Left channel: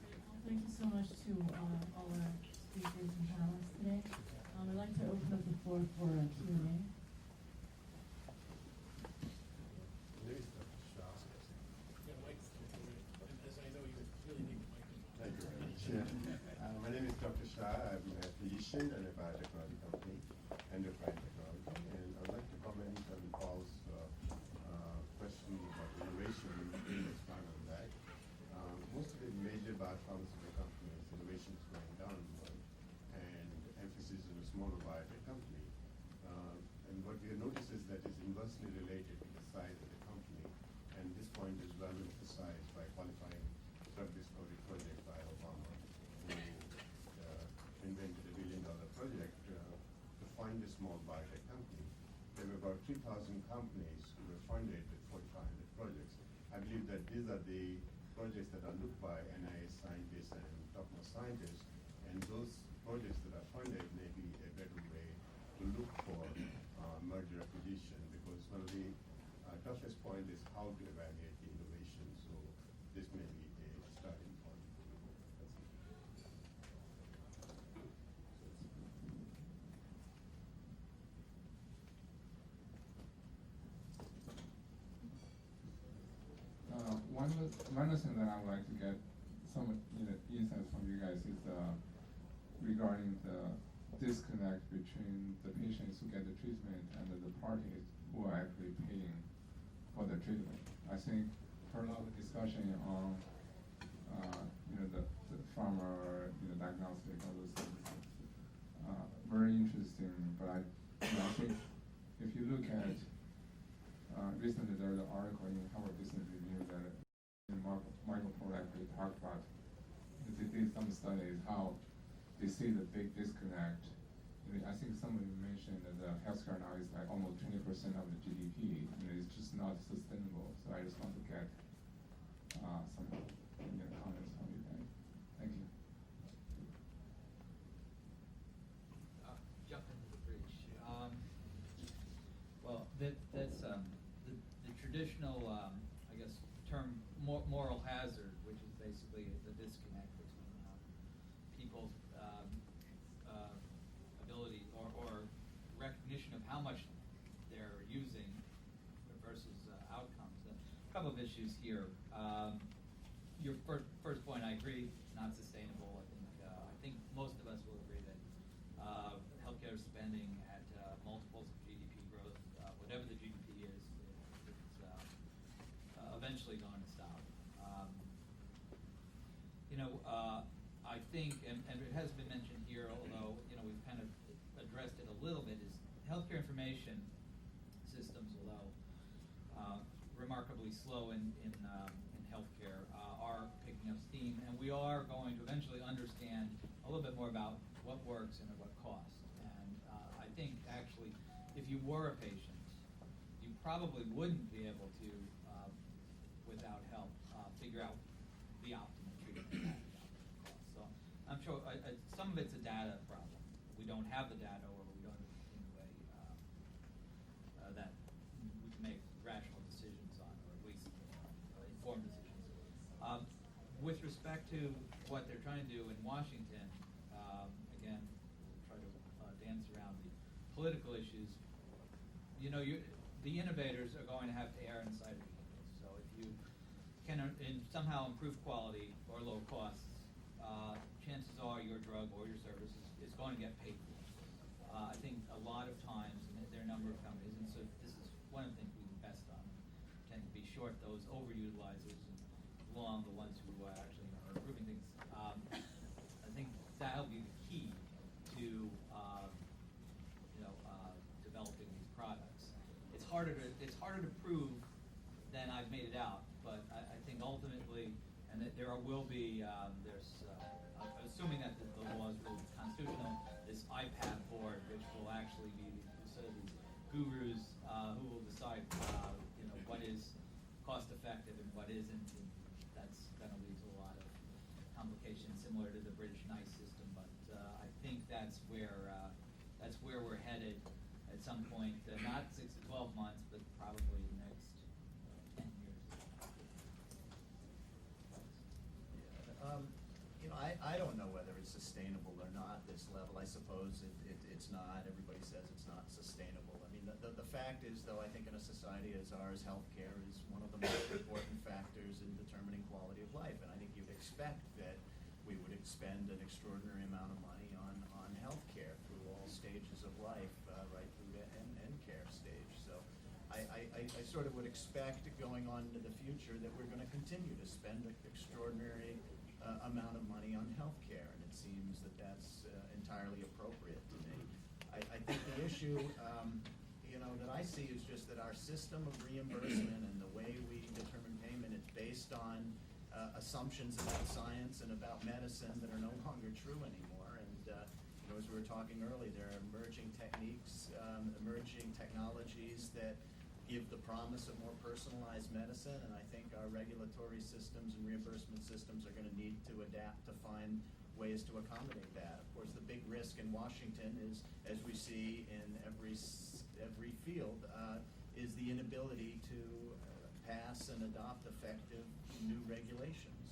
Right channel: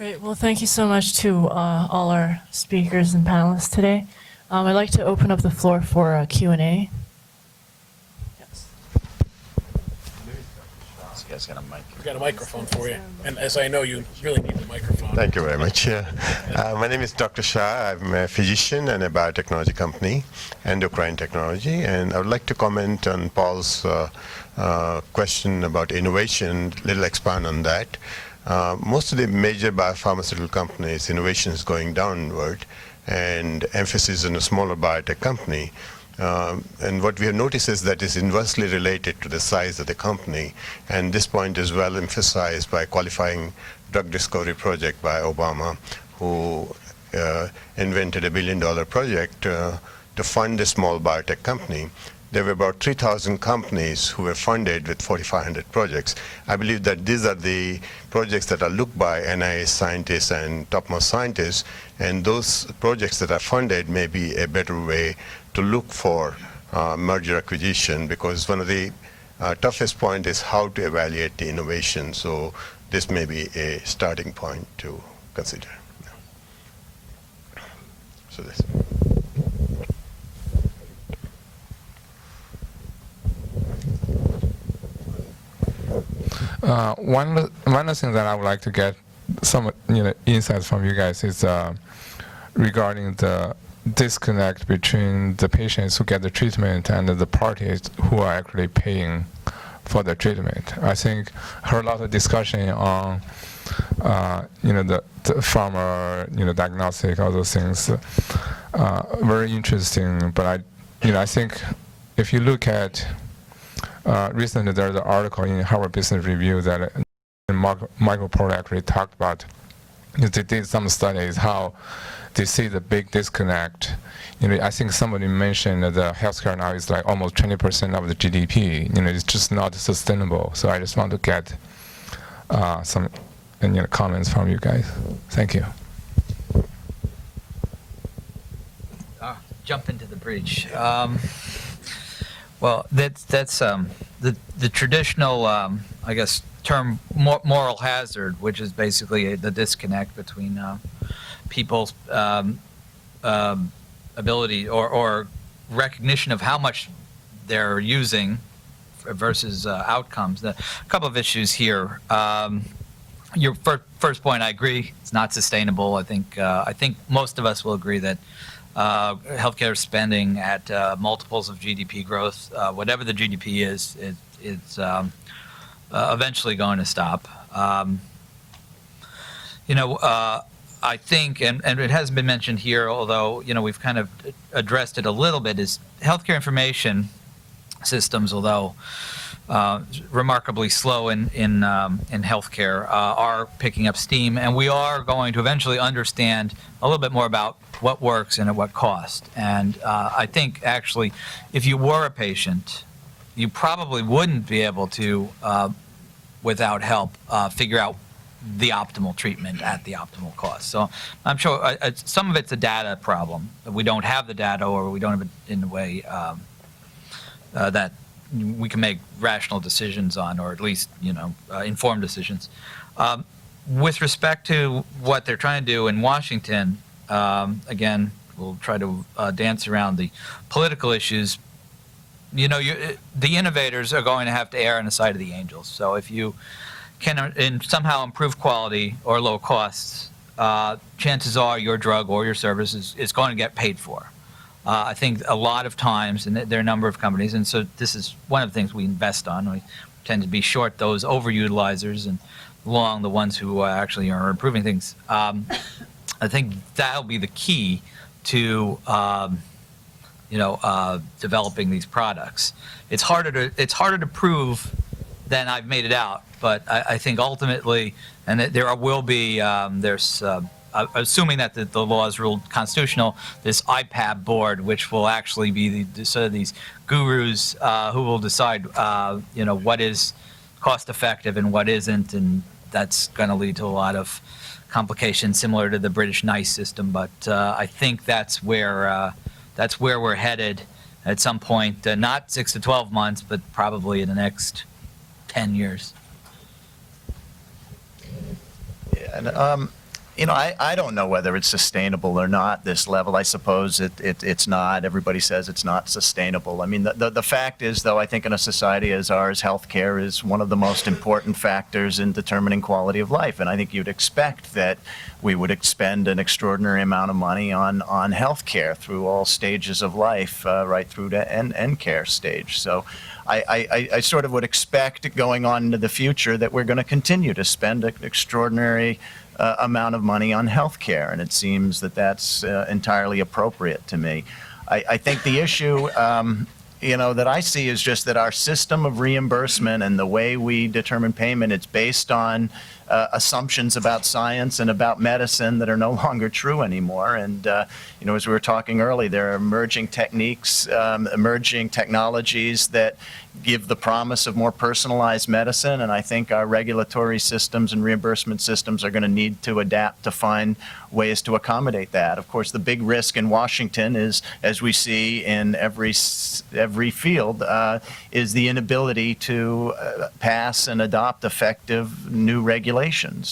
Great. Well, thank you so much to all our speakers and panelists today. I'd like to open up the floor for a Q&A. Yes. This guy's got a mic. We've got a microphone for you. And as I know, you really need the microphone. Thank you very much. My name is Dr. Shah. I'm a physician and a biotechnology company, endocrine technology. And I would like to comment on Paul's question about innovation, little expand on that. Most of the major biopharmaceutical companies, innovation is going downward, and emphasis on a smaller biotech company. And what we have noticed is that it's inversely related to the size of the company. And this point is well emphasized by qualifying drug discovery project by Obama, who invented $1 billion project to fund a small biotech company. There were about 3,000 companies who were funded with 4,500 projects. I believe that these are the projects that are looked by NIH scientists and topmost scientists, and those projects that are funded may be a better way to look for merger acquisition, because one of the toughest point is how to evaluate the innovation. So this may be a starting point to consider. So this. One thing that I would like to get some insights from you guys is regarding the disconnect between the patients who get the treatment and the parties who are actually paying for the treatment. I think I heard a lot of discussion on the pharma diagnostic, all those things. Very interesting, but I think if you look at recently there's an article in Harvard Business Review that Michael Porter actually talked about. They did some studies how they see the big disconnect. I think somebody mentioned that the healthcare now is like almost 20% of the GDP. It's just not sustainable. So I just want to get some comments from you guys. Thank you. Jump into the breach. Well, that's the traditional, I guess, term moral hazard, which is basically the disconnect between people's ability or recognition of how much they're using versus outcomes. A couple of issues here. Your first point, I agree, it's not sustainable. I think most of us will agree that healthcare spending at multiples of GDP growth, whatever the GDP is, it's eventually going to stop. I think, and it hasn't been mentioned here, although we've kind of addressed it a little bit, is healthcare information systems, although remarkably slow in healthcare, are picking up steam, and we are going to eventually understand a little bit more about what works and at what cost. And I think actually, if you were a patient, you probably wouldn't be able to, without help, figure out the optimal treatment at the optimal cost. So I'm sure some of it's a data problem. We don't have the data, or we don't have it in a way that we can make rational decisions on, or at least informed decisions. With respect to what they're trying to do in Washington, again, we'll try to dance around the political issues. The innovators are going to have to err on the side of the angels. So if you can somehow improve quality or low costs, chances are your drug or your service is going to get paid for. I think a lot of times, and there are a number of companies, and so this is one of the things we invest on. We tend to be short those overutilizers and long the ones who actually are improving things. I think that'll be the key to developing these products. It's harder to prove than I've made it out, but I think ultimately, and there will be assuming that the law is ruled constitutional, this IPAB board, which will actually be sort of these gurus who will decide, what is cost effective and what isn't, and that's going to lead to a lot of complications similar to the British NICE system. But I think that's where we're headed at some point, not 6 to 12 months, but probably in the next 10 years. Yeah, and I don't know whether it's sustainable or not, this level. I suppose it's not. Everybody says it's not sustainable. I mean, the fact is, though, I think in a society as ours, healthcare is one of the most important factors in determining quality of life. And I think you'd expect that we would expend an extraordinary amount of money on healthcare through all stages of life, right through to end care stage. So I sort of would expect going on into the future that we're going to continue to spend an extraordinary amount of money on healthcare, and it seems that that's entirely appropriate to me. I think the issue, that I see is just that our system of reimbursement and the way we determine payment, it's based on assumptions about science and about medicine that are no longer true anymore. And, as we were talking earlier, there are emerging techniques, emerging technologies that give the promise of more personalized medicine, and I think our regulatory systems and reimbursement systems are going to need to adapt to find ways to accommodate that. Of course, the big risk in Washington is, as we see in every field, is the inability to pass and adopt effective new regulations.